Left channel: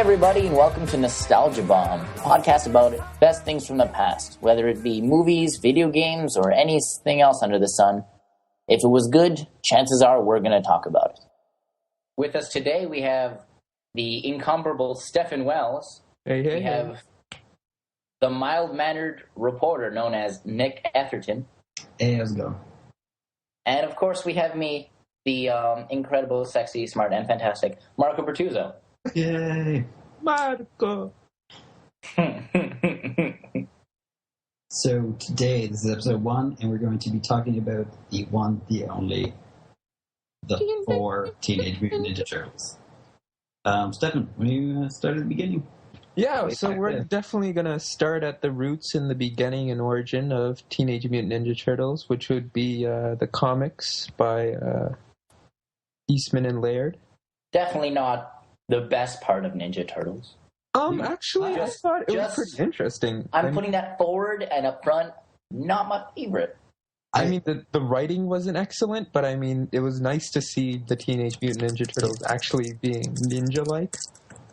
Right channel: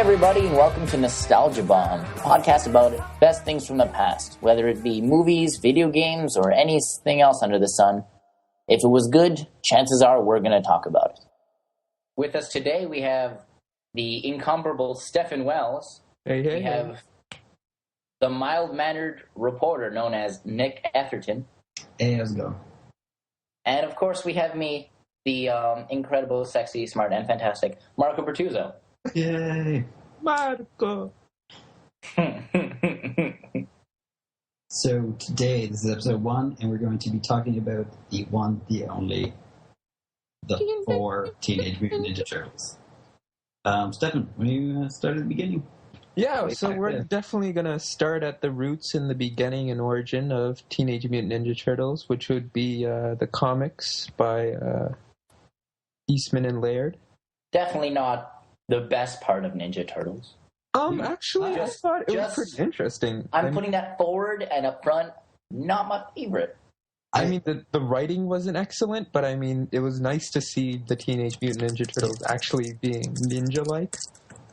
everybody, and welcome to Nostalgia Bomb, a podcast about best things from the past, whether it be movies, video games, or anything else under the sun. If it was good, chances are we're going to talk about it. With us today, we have the incomparable Stephen Wells. Hey. We have the mild-mannered reporter known as Nick Etherton. Hey, how's it going? And, of course, we have me, the incredible, sexy, smart, and fantastic Marco Bertuzzo. Yay! Marco! So today, this is episode 1, and we're going to be talking about the one, the only, the 4 Teenage Mutant Ninja Turtles. Stefan, will you start at the beginning? Yeah, so we're definitely going to start at the roots and the beginning and origin of Teenage Mutant Ninja Turtles, which would be the comics by Eastman and Laird. Definitely not the best part of Ninja Turtles. Actually, I thought it was pretty interesting. I'm putting that forward and up front, not my favorite. I mean, the writing wasn't excellent, but I mean, it was nice to see the Teenage Mutant Ninja Turtles actually being ninja-like.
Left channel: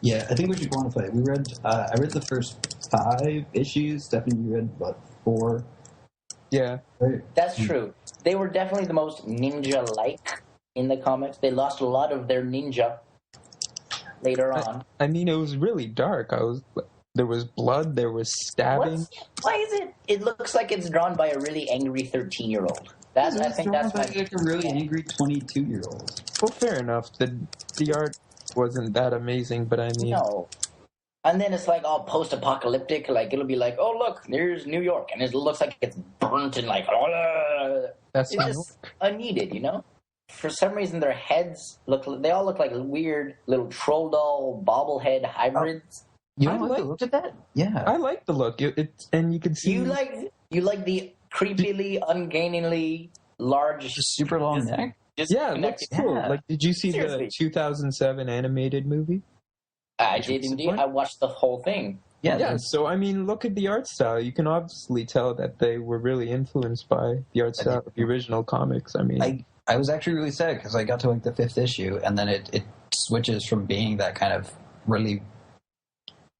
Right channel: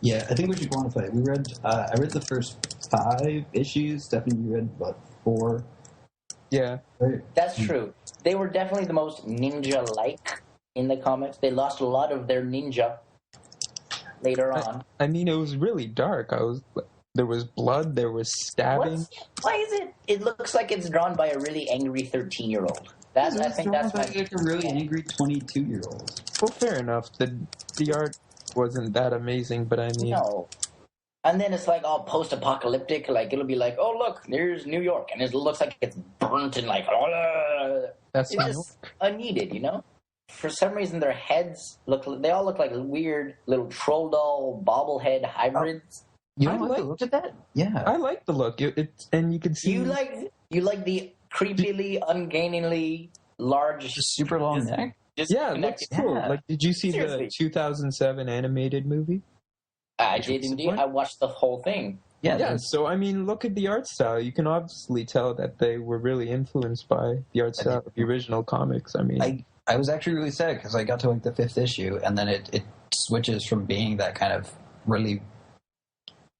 Yeah, I think we should quantify it. I read the first 5 issues. Stephanie, you read, 4? Yeah. Right? That's true. They were definitely the most ninja-like in the comics. They lost a lot of their ninja later on. I mean, it was really dark. There was blood, there was stabbing. Why is it? It looks like it's drawn by a really angry 13-year-old. I think that's like a really angry 22-year-old. Well, fair enough. The art wasn't that amazing, but I mean... No. And then it's like all post-apocalyptic. Like, it'll be like, oh, look, there's New York. And it looks like it's burnt and like... That's it's just unneeded, you know? For some reason, their heads they all look like weird little troll doll bobblehead hybrids. You I like like the look at that? Yeah. I like the look. And you can see... You like the creepily, ungainingly large... Just super long neck? Yeah, it looks cool. Yeah. Like, did you see Seriously. the 2007 animated movie? I did indeed. I watched the whole thing. Yeah, so, I mean, look at the art style. You can obviously tell that they were really influenced by the art style of the original comics. I mean... I was actually really sad because I got to like the 5th issue, and then it switches from being that kind of really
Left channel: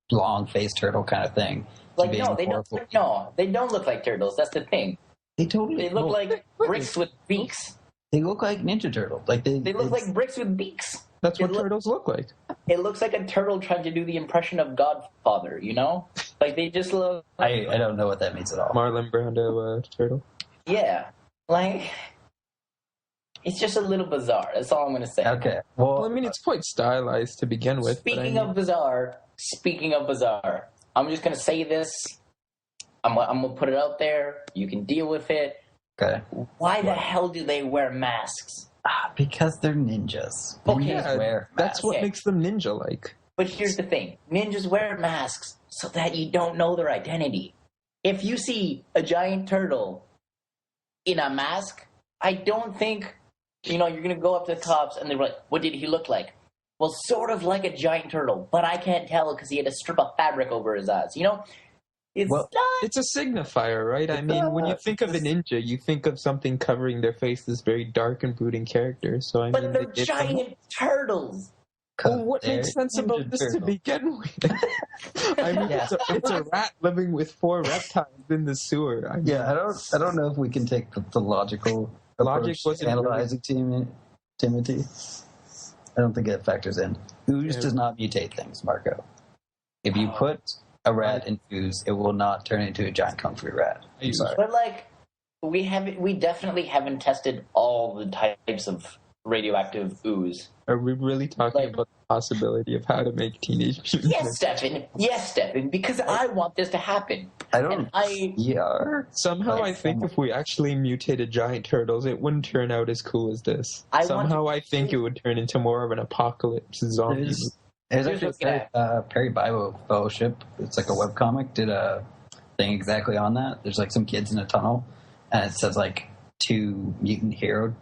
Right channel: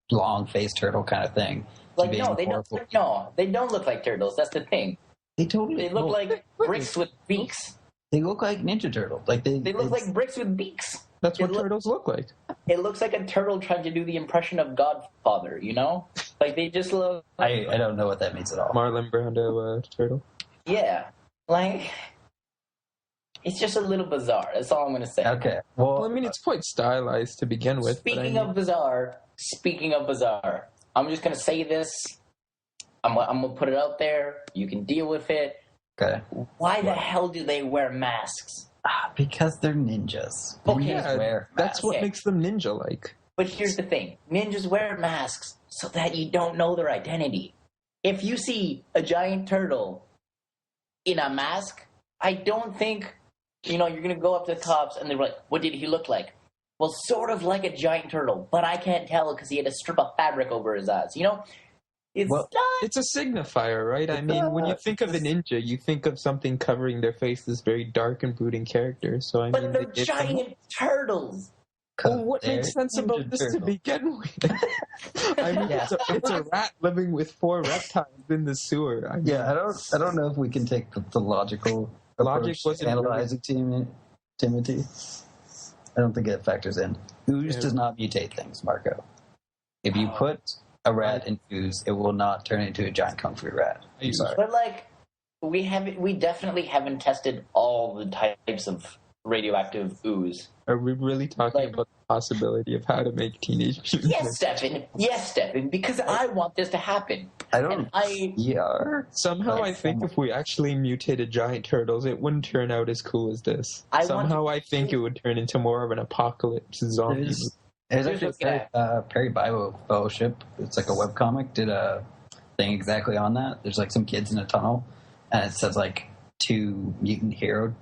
long-faced turtle kind of thing. Like, they don't look like turtles. That's the thing. They look like bricks with beaks. They look like Ninja Turtles. Like they look like bricks with beaks. That's what turtles look like. It looks like a turtle trying to do the impression of Godfather, you know? Like, they just look... I don't know what that means at all. Marlon Brando turtle. Yeah. Like... It's just a little bizarre. That's all I'm going to say. Okay. Well, I mean, it's quite stylized to begin with. Speaking of bizarre, I'm just going to say this. I'm going to put it out there. You can deal with it. Okay. Why the hell do they wear masks? Because they're ninjas. Okay. Ninjas wear that's what makes them ninja-like. But here's the thing. Ninjas wear masks so that you don't know their identity. If you see a giant turtle in a mask, I don't think... you're going to go up to the cops and they're like, what did he look like? Well, sort of like a giant turtle, but I can't tell because he had a strip of fabric over his eyes. You know? It's a signifier, right? I mean, when you think of a ninja, you think of something covering their face, this very dark and brooding character. So but they're giant turtles. Well, what makes sense about this to begin with? I mean, it's a rat living with 4 reptiles in the sewer. I don't know if we can take the logical... Logic wasn't analyzing Timothy. I don't think it factors in. Ooze does not mutate things, Marco. If you put a rat in ooze, it will not turn into a giant kung fu rat. I'm sorry. But we definitely haven't tested all the types of radioactive ooze. Are we really talking about the possibility of how to make Teenage Mutant? Yes, Stephen, because I want this to happen. Somehow I think if we actually mutated giant turtles, it wouldn't turn out as cool as this. I think it would turn into more of an apocalypse zombie. There's actually Perry Fellowship. It's like a webcomic. Did a thing exactly on that. There's like some kids in a tunnel, and it says like 2 mutant hero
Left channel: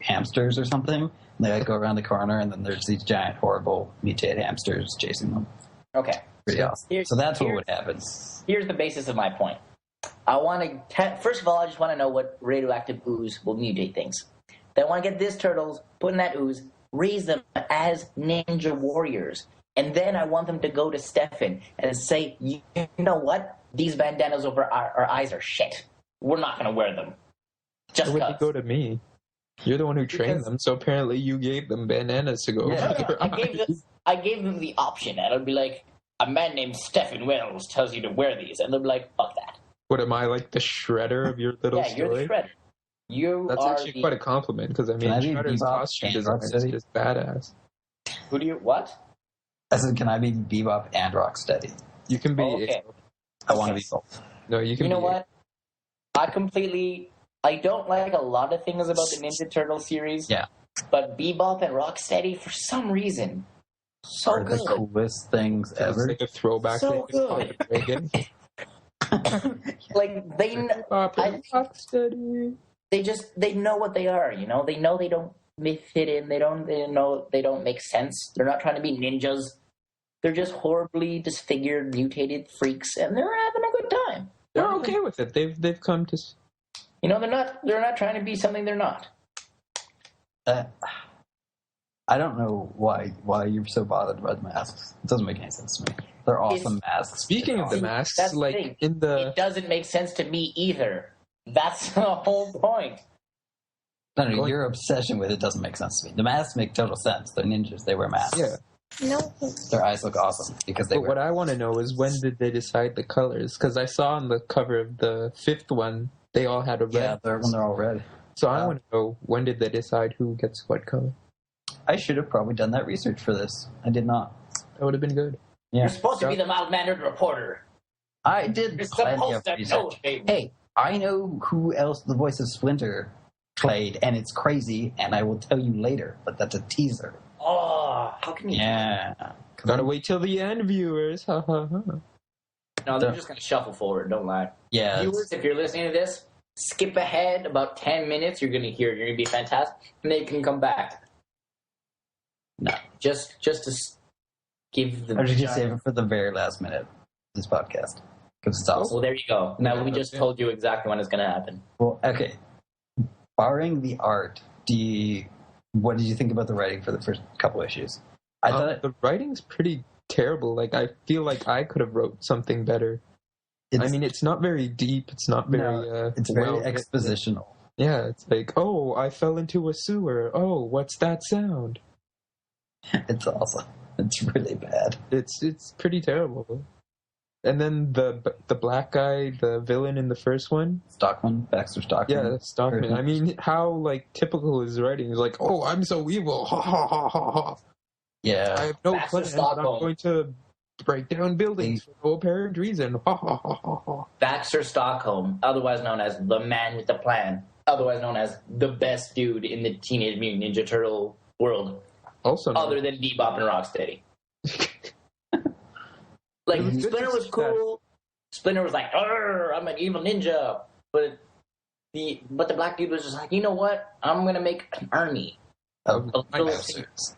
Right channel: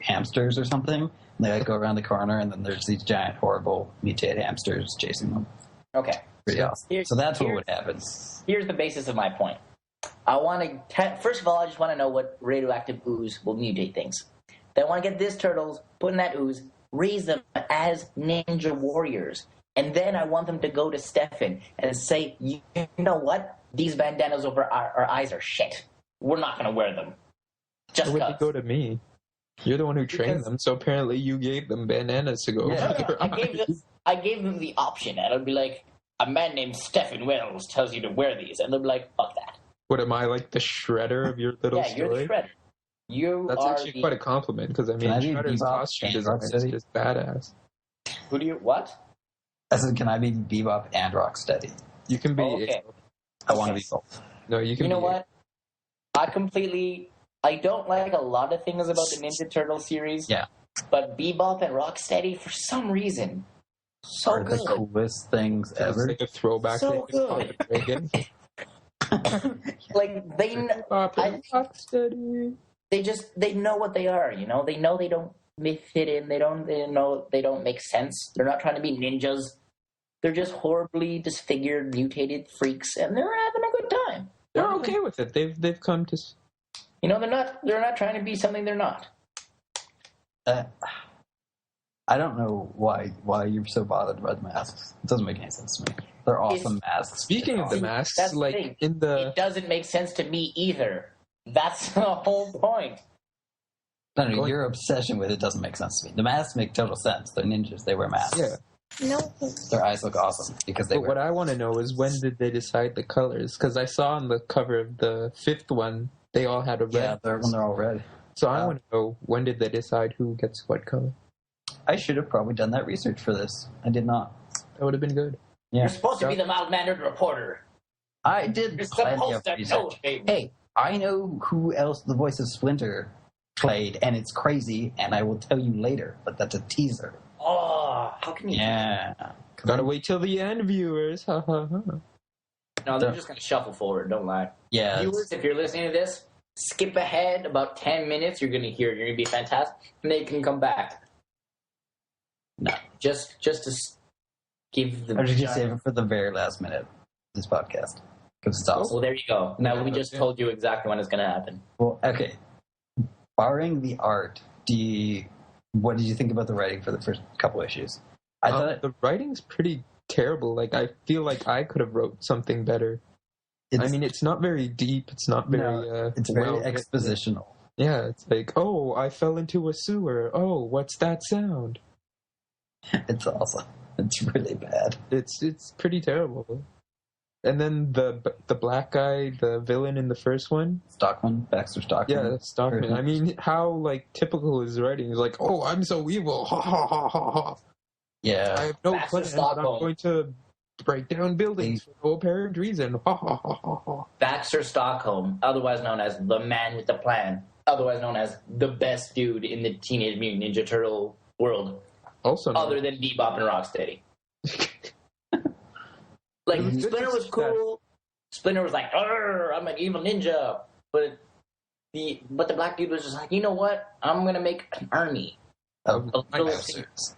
hamsters or something. They like go around the corner, and then there's these giant, horrible mutated hamsters chasing them. Okay. Pretty awesome. So that's what would happen. Here's the basis of my point. First of all, I just want to know what radioactive ooze will mutate things. Then I want to get these turtles, put in that ooze, raise them as ninja warriors, And then I want them to go to Stefan and say, you know what? These bandanas over our eyes are shit. We're not going to wear them. Just Why would they go to me? You're the one who trained them, so apparently you gave them bandanas to go over their eyes. I gave them the option, and I'd be like, a man named Stefan Wells tells you to wear these. And they'd be like, fuck that. What, am I like the shredder of your little story? You're the shredder. That's actually quite a compliment, because I mean, Shredder's costume design is just badass. Who do you, what? I said, can I be Bebop and Rocksteady? You can be... okay. I want to be both. No, you can You know what? I don't like a lot of things about the Ninja Turtle series. Yeah. But Bebop and Rocksteady, for some reason, so good. The coolest things ever. It's like a throwback So to good. Like, they know what they are, you know? They know they don't fit in. They don't make sense. They're not trying to be ninjas. They're just horribly disfigured, mutated freaks, and they're having a good time. They're okay with it. They've come to... You know, they're not trying to be something they're not. I don't know why you're so bothered by the masks. It doesn't make any sense to me. They're awesome masks. Speaking of the masks, that's like the thing. in the... It doesn't make sense to me either. That's the whole point. No, your obsession with it doesn't make sense to me. The masks make total sense. They're ninjas. They wear masks. Yeah. No. Their eyes look awesome because they. But what I want to know is when did they decide the colors? Because I saw on the cover of the 5th one, they all had a red. Yeah, they're all red. So I want to know, when did they decide who gets what color? I should have probably done that research for this. I did not. That would have been good. Yeah. You're supposed to be the mild-mannered reporter. I did. You're supposed to know. Hey, I know who else the voice of Splinter played, and it's crazy, and I will tell you later, but that's a teaser. Oh, how can you? Yeah. Gotta wait till the end, viewers. Ha ha ha. No, they're just going to shuffle forward, don't lie. Yeah. Viewers, if you're listening to this, skip ahead about 10 minutes. You're going to hear it. You're going to be fantastic. And then you can come back. No, just to give the... I'm just going to save it for the very last minute of this podcast. Because it's awesome. Well, there you go. Now, we just told you exactly when it's going to happen. Well, okay. Barring the art, what did you think about the writing for the first couple issues? I thought the writing's pretty terrible. Like, I feel like I could have wrote something better. I mean, it's not very deep. It's not very... it's very expositional. Yeah, it's like, oh, I fell into a sewer. Oh, what's that sound? It's awesome. It's really bad. It's pretty terrible. And then the black guy, the villain in the first one, Baxter Stockman. Yeah, that's Stockman. I mean, how like typical his writing is like, oh, I'm so evil, ha ha ha ha ha. Yeah, I have no plan, but I'm going to break down buildings for no apparent reason. Ha ha ha ha ha. Baxter Stockholm, otherwise known as the man with the plan, otherwise known as the best dude in the Teenage Mutant Ninja Turtle world. Also, other than Bebop and Rocksteady. Like, Splinter was cool. Splinter was like, I'm an evil ninja. But the black dude was just like, you know what? I'm going to make an army. Mousers.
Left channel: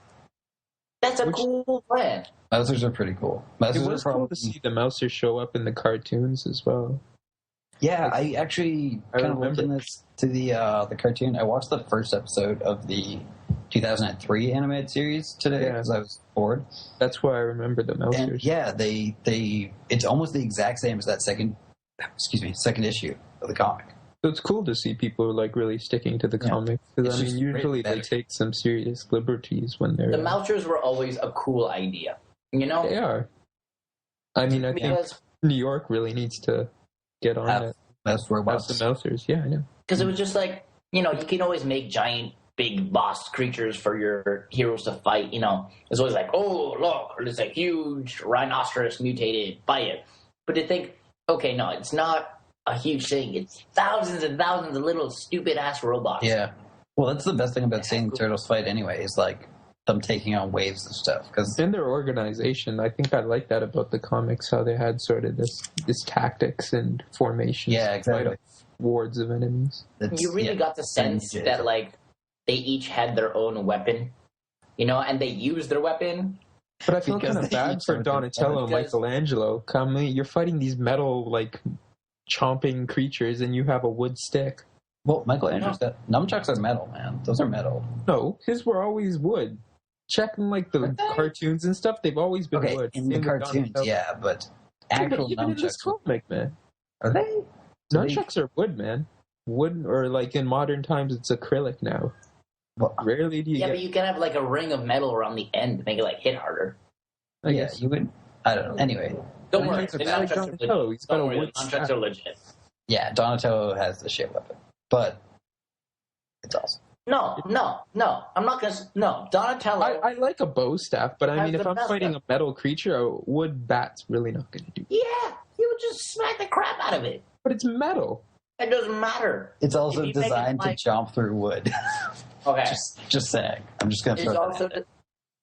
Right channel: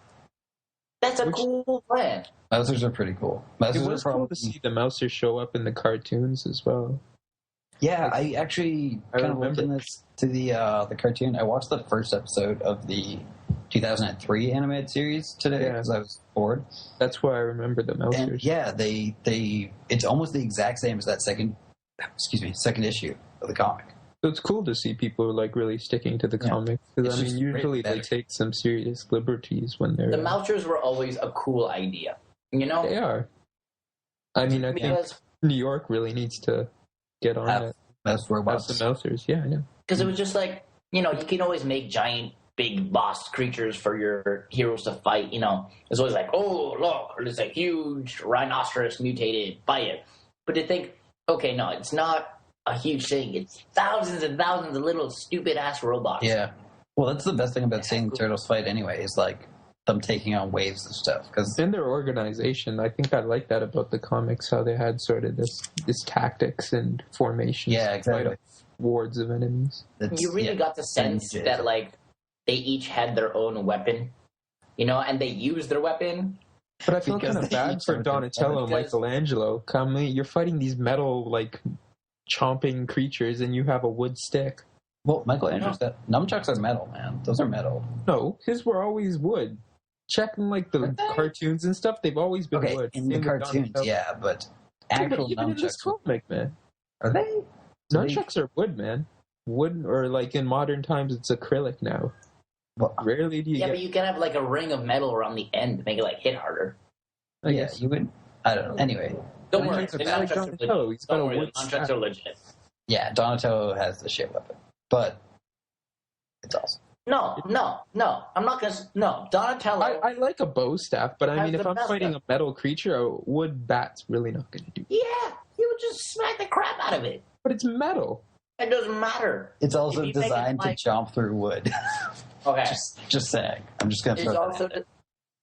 That's a cool plan. Mousers are pretty cool. It was cool to see the Mousers show up in the cartoons as well. Yeah, I actually kind of looked in this to the cartoon. I watched the first episode of the 2003 animated series today because I was bored. That's why I remember the Mousers. And yeah, it's almost the exact same as that second issue of the comic. So it's cool to see people like really sticking to the comics. Because I mean, usually they take some serious liberties when they're... The Mousers were always a cool idea, you know? They are. I mean, I think New York really needs to get on it. Mouse robots. The Mousers, yeah, I know. Because it was just like, you know, you can always make giant big boss creatures for your heroes to fight, you know. It's always like, oh, look, there's a huge rhinoceros mutated, fight it. But to think, okay, no, it's not a huge thing. It's thousands and thousands of little stupid-ass robots. Yeah. Well, that's the best thing about seeing Turtles fight anyway, is like them taking on waves and stuff. Cause in their organization, I think I like that about the comics, how they had sort of this tactics and formations. Yeah, exactly. Wards of enemies. You really got the sense that, like, they each had their own weapon, you know, and they used their weapon. But I feel kind of bad for Donatello and Michelangelo. You're fighting these metal, like, chomping creatures, and you have a wood stick. Well, Michelangelo's got... Nunchucks are metal, man. Those are metal. No, his were always wood. checking like the cartoons and stuff, they've always been Okay, wood. in Same the with cartoons, Donatello. yeah, but actual But even in this nunchucks, comic, man, are they? nunchucks are wood, man. Wood, or like in modern times, it's acrylic now. Well, Rarely do you Yeah, get. but you can have like a ring of metal around the end to make it like hit harder. I yeah, guess. you would. I don't know. Anyway, Don't Well, worry, it's the like nunchucks are Donatello, legit. he's got Don't a worry, the wood nunchucks staff. are legit. yeah, Donatello has the shit weapon, but it's awesome. No. I'm not gonna. No, Donatello. I like a bow staff, but I Has mean, if the I'm best fighting stuff. a metal creature, a wood bat's really not going to do. Yeah, you would just smack the crap out of it. But it's metal. It doesn't matter. It's also If you make it designed like- to chomp through wood. Okay. just saying. I'm just gonna It's throw that also out there.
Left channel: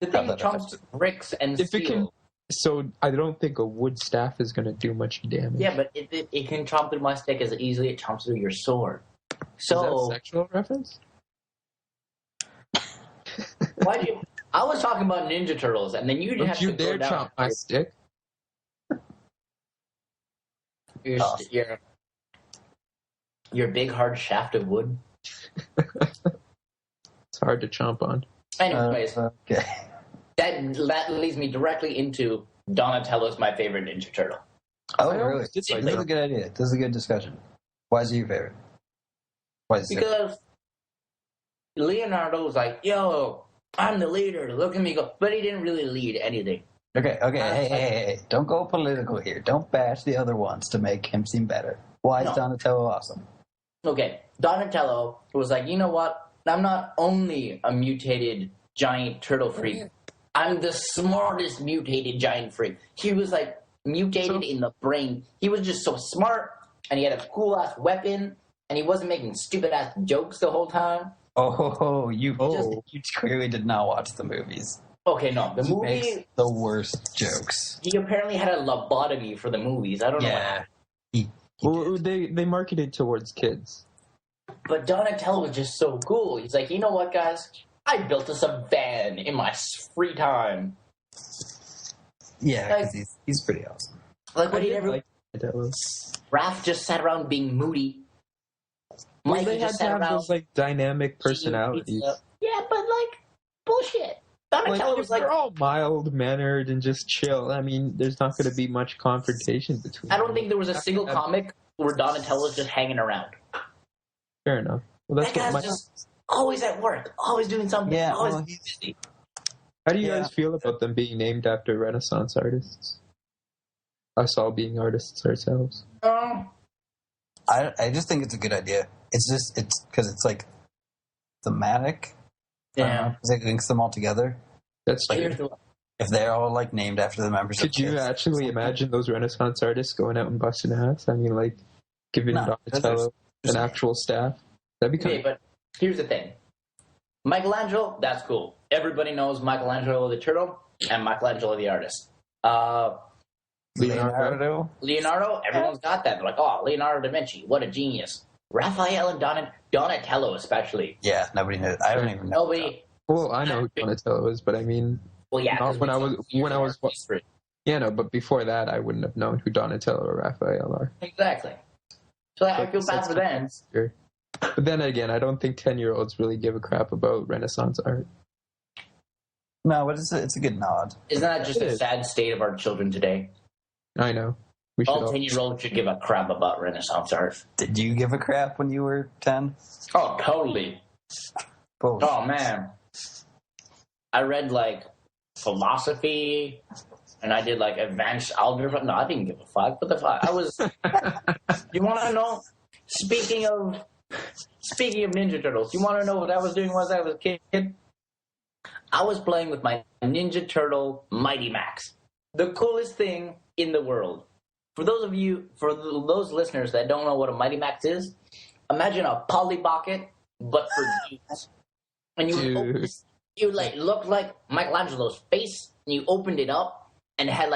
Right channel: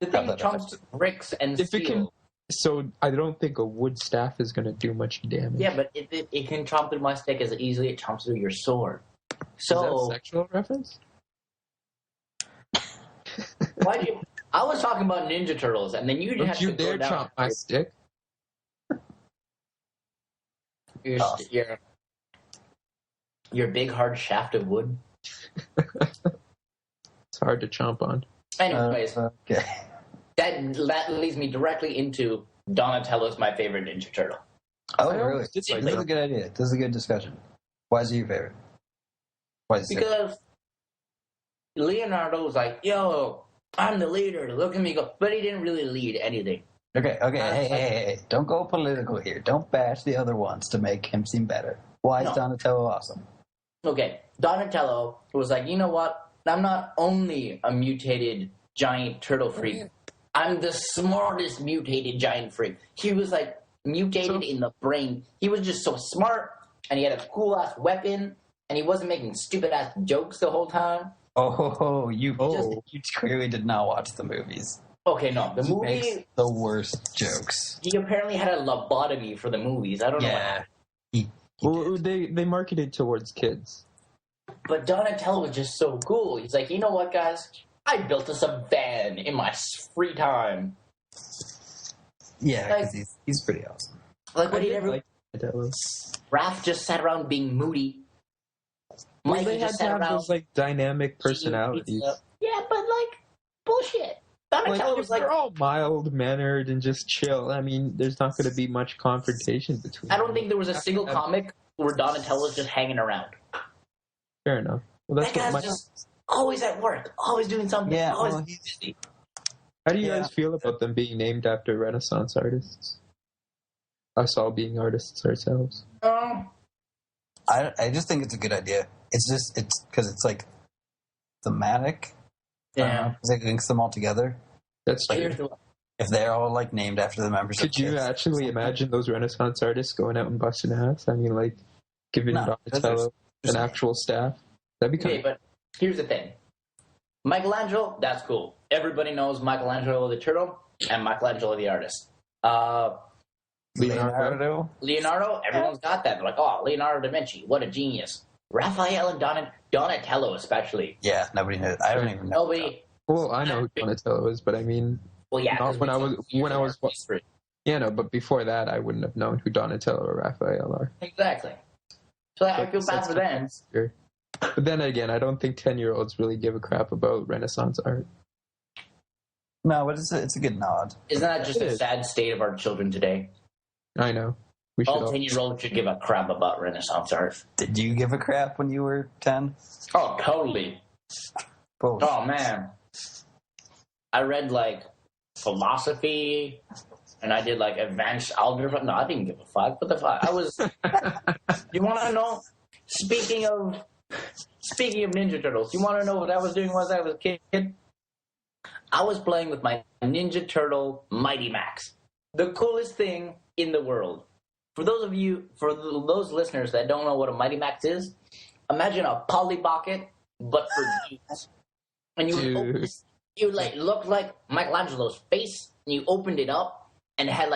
the thing that chomps bricks and If it steel. can, so I don't think a wood staff is going to do much damage. Yeah, but it can chomp through my stick as easily as it chomps through your sword. Is that So a sexual reference? why do you? I was talking about Ninja Turtles, and then you Don't have you to dare go down chomp my stick. your big hard shaft of wood. It's hard to chomp on. Anyways, Okay. that leads me directly into Donatello's my favorite Ninja Turtle. Oh, I really? always This did like is a that. good idea. This is a good discussion. Why is he your favorite? Why is it? Because Leonardo was like, yo, I'm the leader, look at me go. But he didn't really lead anything. Okay. Hey. Don't go political here. Don't bash the other ones to make him seem better. Why is No. Donatello awesome? Okay, Donatello was like, you know what? I'm not only a mutated giant turtle freak, I'm the smartest mutated giant freak. He was like mutated in the brain. He was just so smart, and he had a cool ass weapon, and he wasn't making stupid ass jokes the whole time. You clearly did not watch the movies. Okay, no, the He makes movie. the worst jokes. He apparently had a lobotomy for the movies. I don't know what Yeah. happened. He Well, they marketed towards kids. But Donatello was just so cool. He's like, you know what, guys? I built us a van in my free time. Yeah, because he's pretty awesome. Like, what I did did everyone... like Donatello. Raph just sat around being moody. Well, Mikey they had just to sat have around... those like dynamic eating personalities. pizza. Yeah, but, like, bullshit. Donatello was like... They're all mild mannered and just chill. I mean, there's not going to be much confrontation between. I don't them. think there was a single comic where Donatello was just hanging around. Fair enough. Well, that's That what guy's my. just always at work, always doing something, Yeah, always well, busy. How do you guys feel about them being named after Renaissance artists? Us all being artists ourselves. I just think it's a good idea. It's because it's like thematic. Yeah. Because it links them all together. That's But true. here's the... If they're all like named after the members Could of you Kiss. actually imagine those Renaissance artists going out and busting ass? I mean, like giving No, Donatello there's- an actual staff. That'd be kind Okay, but here's the thing. Michelangelo, that's cool. Everybody knows Michelangelo the turtle and Michelangelo the artist. Leonardo, everyone's got that. They're like, oh, Leonardo da Vinci, what a genius. Raphael and Donatello especially. Yeah, nobody knows. I don't even know. Nobody... Well, I know who Donatello is, but I mean, Well, yeah. Not when I was- yeah, no, but before that, I wouldn't have known who Donatello or Raphael are. Exactly. So I feel bad for them. But then again, I don't think 10-year-olds really give a crap about Renaissance art. No, but it's a good nod. Isn't that just a sad state of our children today? I know. We should All all. 10-year-olds should give a crap about Renaissance art. Did you give a crap when you were 10? Oh, totally. Oh, man. I read, like, philosophy, and I did, like, advanced algebra. No, I didn't give a fuck. What the fuck? I was... You want to know? Speaking of Ninja Turtles, you want to know what I was doing when I was a kid? I was playing with my Ninja Turtle Mighty Max. The coolest thing in the world. For those listeners that don't know what a Mighty Max is, imagine a Polly Pocket, but for dudes. And you like looked like Michelangelo's face, and you opened it up, and it had